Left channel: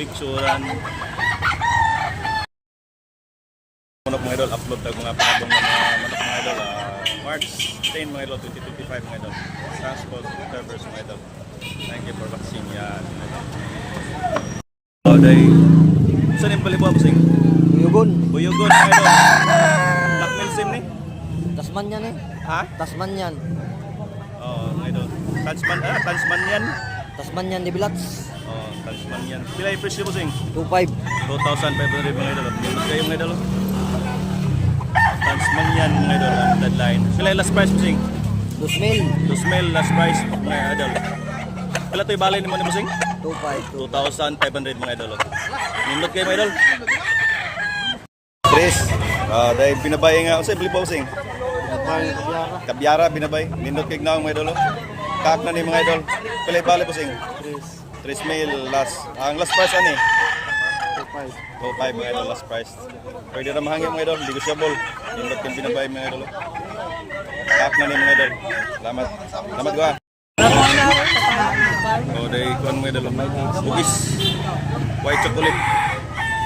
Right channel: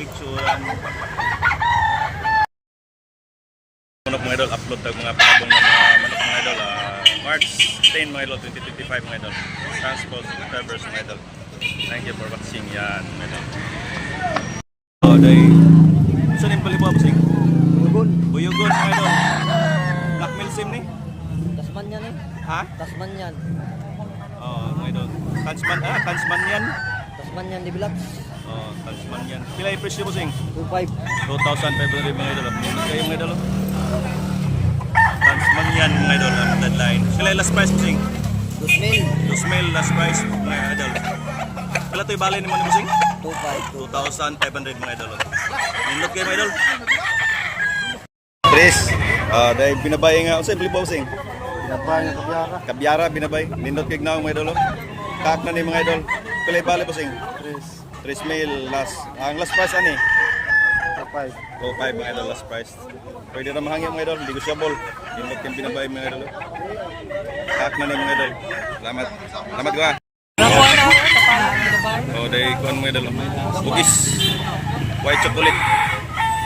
Picturean. Manok mga idol, upload tag mga pangabong ng mga manok mga idol. March 10 mga idol, 2025 mga idol. Transport subscribers mga idol. Thank you for watching yan mga idol. Saan yung palibuha po sing? Buyugon mga idol. Blackmail sim ni? Tasman yan eh. Ha? Tasman yan. Mga idol. Tansman yan? Tasman yan di Bilats. Tansman yan. Pila yung presyo po sing? 2.5. 2,500 mga idol. Nindot kayo mga idol. Tansman yan mga idol. Deadline. Pila yung last price po sing? 2,000. Last price mga idol. Pila ito yung balay ni mo ni po sing? 2.5. 2,500 mga idol. Nindot kayo mga idol. Chris, dahil binabay nga. Saan bili po sing? Binabay Kabyara binabay. Nindot kayo na mga idol. Kaak na ni mga idol. Pila yung balay po sing? 3,000 last. Ang last price ani? 2.5 mga idol last price. Pwede na mahangin mga idol, negotiable. Nindot kang binabay mga idol. Kaak na ni mga idol. Salamat. Salamat ko ha. Dahil kuhan mga idol. Bugis. White chocolate.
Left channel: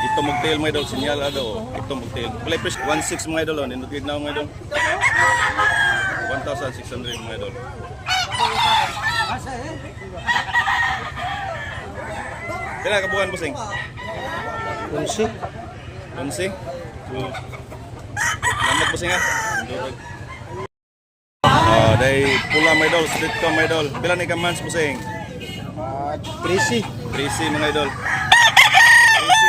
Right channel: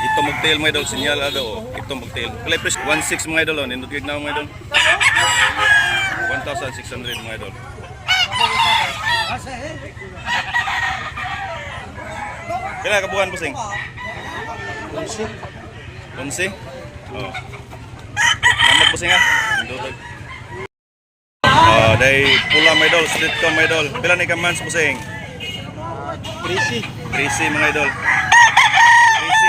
Ito magtail mga idol. Sinyal ado. Ito magtail. Play press 1.6 mga idol. Nindot kag na mga idol. 1,600 mga idol. Kailan kabuhan po sing? 11. 11? Salamat po sing ha. Dahil pula mga idol. Street ko mga idol. Pila ni kamans po sing? 3C mga idol. 3C.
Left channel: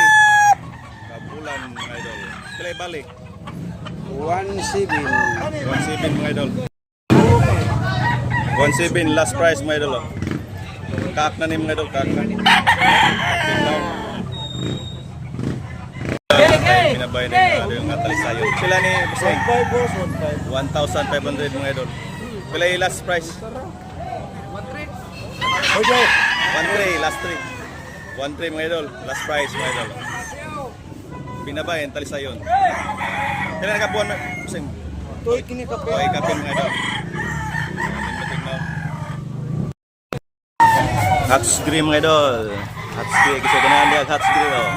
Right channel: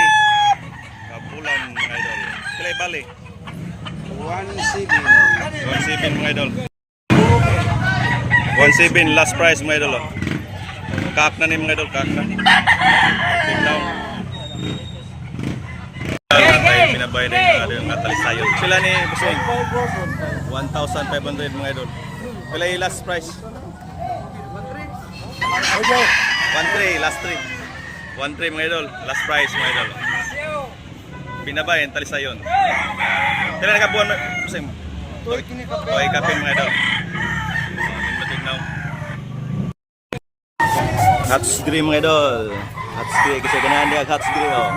Kapulan mga idol. Pila bali? 1.7 mga idol. 1.7 last price mga idol. Kaak na ni mga idol. Kaak na. Tingnan. Binabay din yung atalisayon. Pila ni Busing? 1,500 mga idol. Pila yung last price? 1.3 last 3. 1.3 mga idol. Last price mga idol. Binabay yung talisayon. Pila na kabuhan Busing? Toy kapin mga idol. Tingnan. Hats green mga idol. Hats green kasi ganahan dia hats green oh.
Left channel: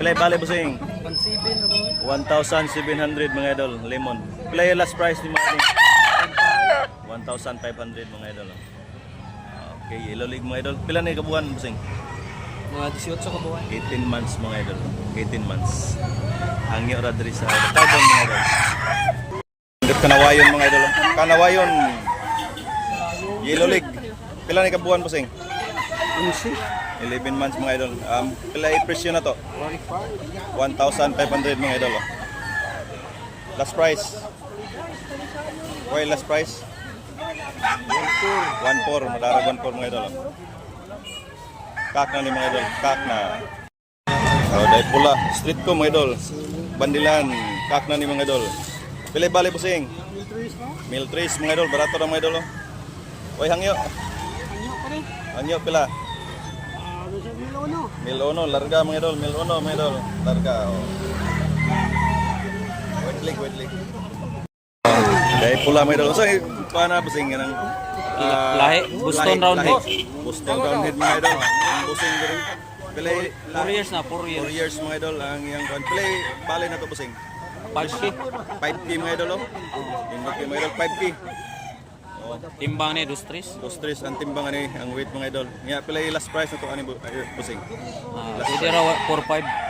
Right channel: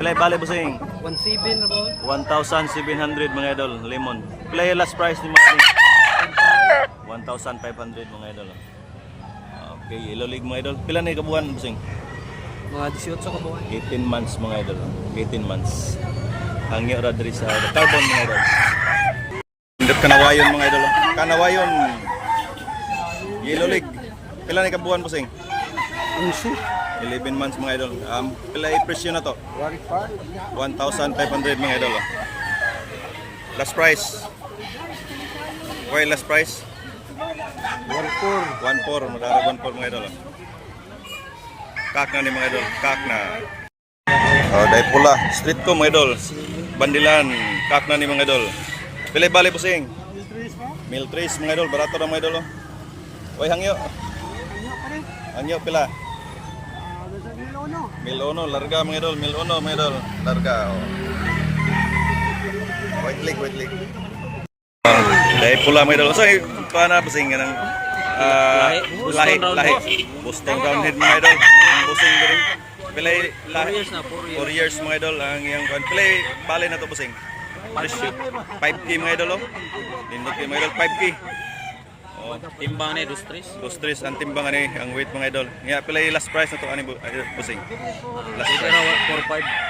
Pila bale Busing? 1,700 mga idol, lemon. Pila yung last price ni mga ni? 1,500 mga idol. Okay, yellow league mga idol. Pila na kabuhan Busing? Mga 18 kabuhan. 18 months mga idol. 18 months. Hangyo ra diri sa carbon mga idol. Indot kanawayon mga idol. Kanawayon. Yellow league. Pila na kabuhan Busing? 11 months mga idol. Pila i-presyo na to? 1,500 mga idol. Last price. Okay, last price. 1,400. Madarag 1,400 mga idol. Kak na ni mga idol. Kak na. Dahil pula. Street ko mga idol. Bandilan. Kak na ni mga idol. Pila bali Busing? 1,300 mga idol. Barato na mga idol. Oy, hangyo. Hangyo pila? 1,000 larga mga idol, 1,000 mga idol, larga. White leg. Dahil pula mga idol. So, paano Busing ng lahi? Boston Roundhead mga idol. Busing din. Pilay lahi. 4 years mga idol. Ang iyang pilay bali na to Busing. 5K mga idol. Nindot kayo mga idol, 5K. Timbang ni Dustris ang timbang ani ang weight mga idol. Nga pila yung last price na to ani Busing. Last price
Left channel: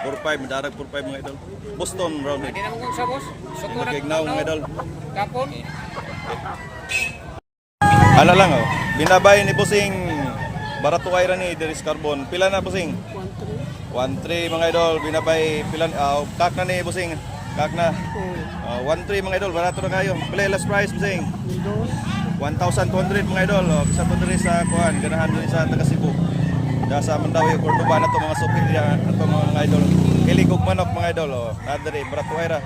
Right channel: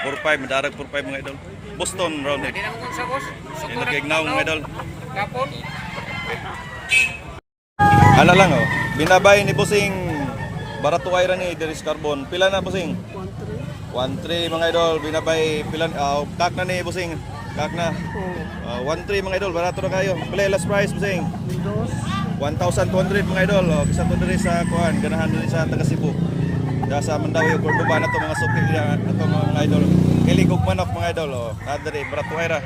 4.5 madarag 4.5 mga idol. Boston Roundhead. Yung nagignaw mga idol. Ano lang oh. Binabay ni Busing barato ay ra ni Deris Carbon. Pila na Busing? 1.3 mga idol. Binabay pila kak na ni Busing. Kak na. 1.3 mga idol barato na kayo. Pila yung last price Busing? 1,200 mga idol. Kisa to diri sa kuan, ganahan diri sa taga Cebu. Da sa Mandawi Cordoba na to mga suki na to mga idol. Kilig og manok mga idol. Na diri Bratuera.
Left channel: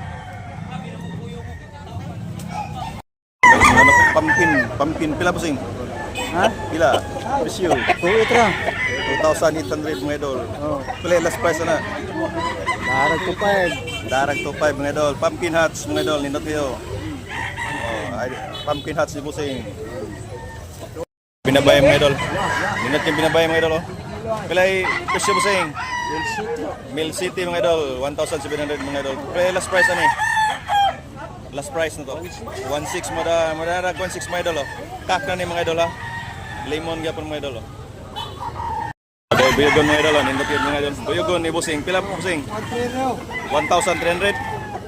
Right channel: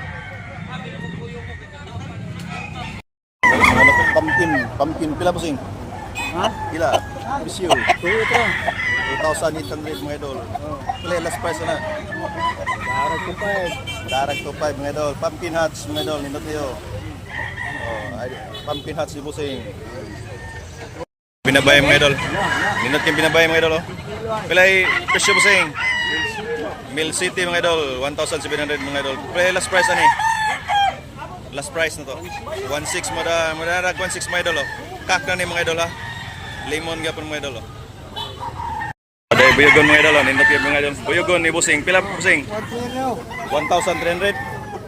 Pumpkin pila Busing? Ha? Pila? Presyo. 2,800 mga idol. Pila last price na? Darag 2.5 mga idol. Pumpkin hats mga idol, nindot kayo. Pumpkin hats ni Busing. Binabay mga idol. Nindot kayong binabay mga idol, oh. Pilay presyo bossing. Mill City mga idol, 1,700 mga idol. Pilay last price ani. Last price na to. 1,600 madarag 1,600 mga idol, oh. Kak na ni mga idol ha. Lemon gyapon mga idol, oh. Day buyogon mga idol, oh. Nindot kayong mga idol. Buyogon ni bossing. Pila bossing? 1,300.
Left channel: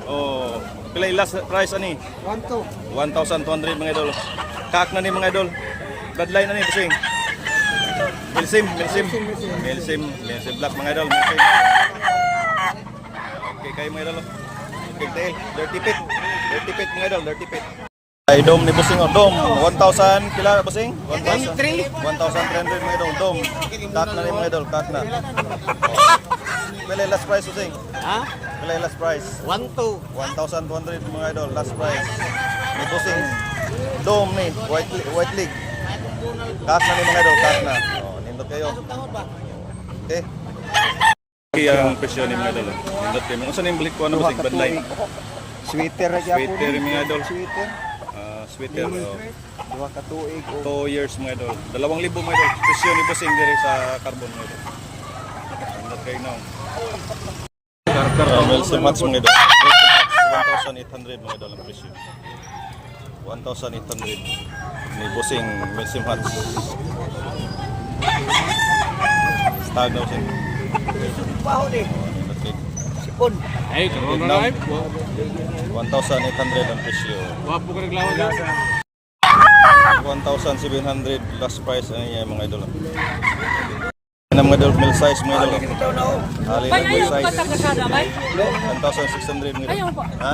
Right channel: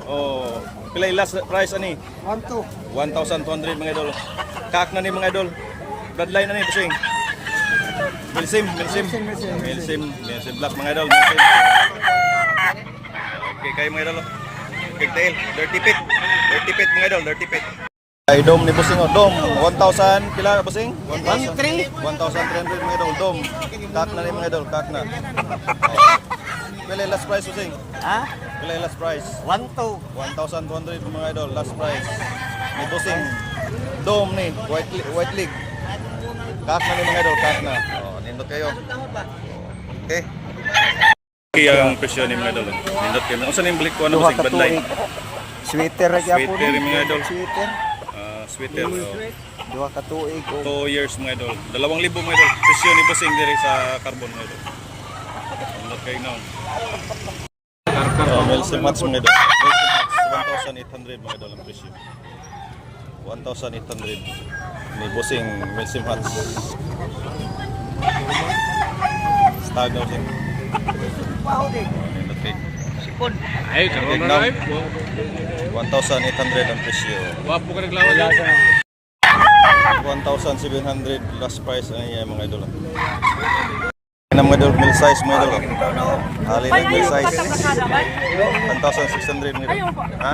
Oh, pilay last price ani. 1,200 mga idol. Kak na ni mga idol. Bloodline na ni bossing. Milsim black mga idol. Milsim. Okay kayo mga idol. Okay tail. Dirty pit mga idol. Dirty pit. Ay dom ni bossing, oh. Dom 1,000 pila bossing? 1,300 mga idol. Dom. Kak na ni mga idol. Kak na. Oh. Pilay last price bossing. Ha? Pilay last price. 1,200. 1,200 mga idol, last price. Ni bossing. Dome ni, white league. Kak na ni mga idol, kak na. Oh, nindot kayo. Okay. Kaya ang presyo ni mga idol. Nindot kayo. Unsa ning balik ko ano bossing bandlay? Sweater ra gyapon. Sweater mga idol. Sweater. Sweater. Duha ka tuig o 2 years mga idol. 2,000 mga idol. Presyo ni bossing diri sa carbon mga idol. Nindot kayo now. Milsim Hats mga idol. Milsim Hats 1,800 mga idol ang presyo. 1,800 ni bossing Milsim Hats. Stag na bossing. sipon. Ay, karoon na live. 1,800 ang presyo. Wapo ka naglawan dyan. 1,700 last price ano yan mga idol. Yan ang mga idol, mill size mga idol. Hali na mill size. 1,600 mga idol. Ha?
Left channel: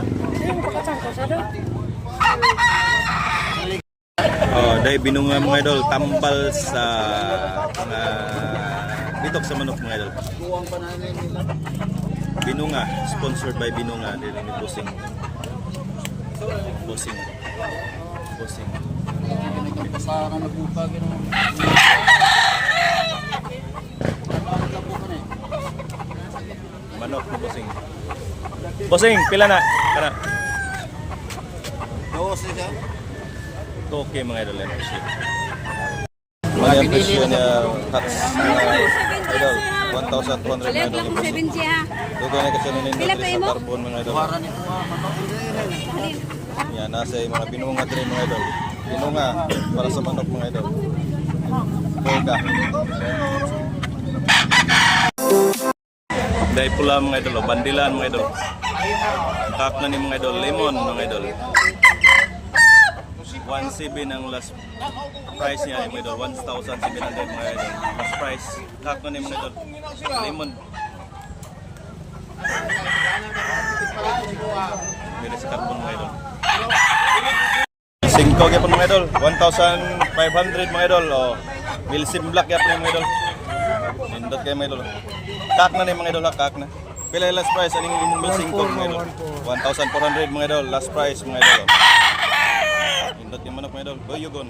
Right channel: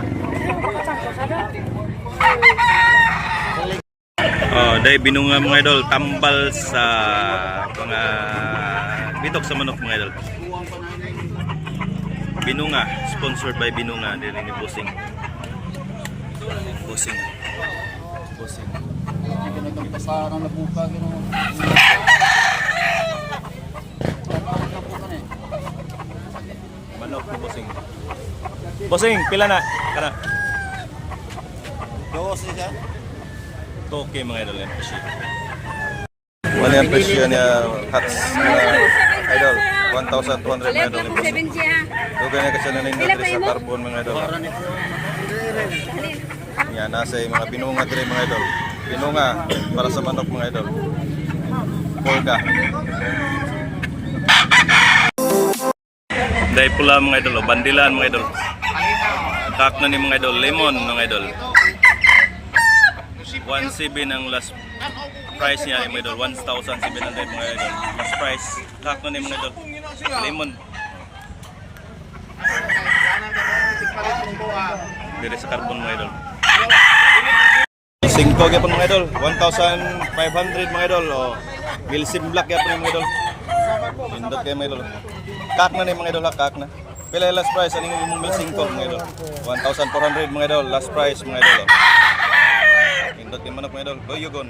Oh, dahil binunga mga idol, tambal sa mga bitok sa manok mga idol. Binunga, sponsored by Binunga, dili ni Bossing. Bossing. Pasaran na buka gino. Manok ni Bossing. Bossing, pila na? Kana. Dos siya. Toke mga idol yan presyo. Mali ang presyo niya hats idol. 1,200 mga idol ni Bossing. Toke na kasi nanindot rin sa carbon mga idol. Yan, nasa yung mga binunga rin mga idol. Binunga para sa manok mga idol. Polka. Dahil pula mga idol, bandilan mga idol. Kak na ni mga idol, lemon mga idol. 1,700 ang last price niya mga idol, 1,700 mga idol. Last price, kak na ni mga idol, lemon. Dili sa carbon mga idol. 5 gyapon mga idol, 1,500 mga idol. Oh, Milsim Black gyapon mga idol. Nindot kayo mga idol. Kak na ni mga idol, kak na. Pila yung last price aning imong Milsim mga idol. 1,400 mga idol, last price mga idol. Nindot kayo manok mga idol. Boyogon.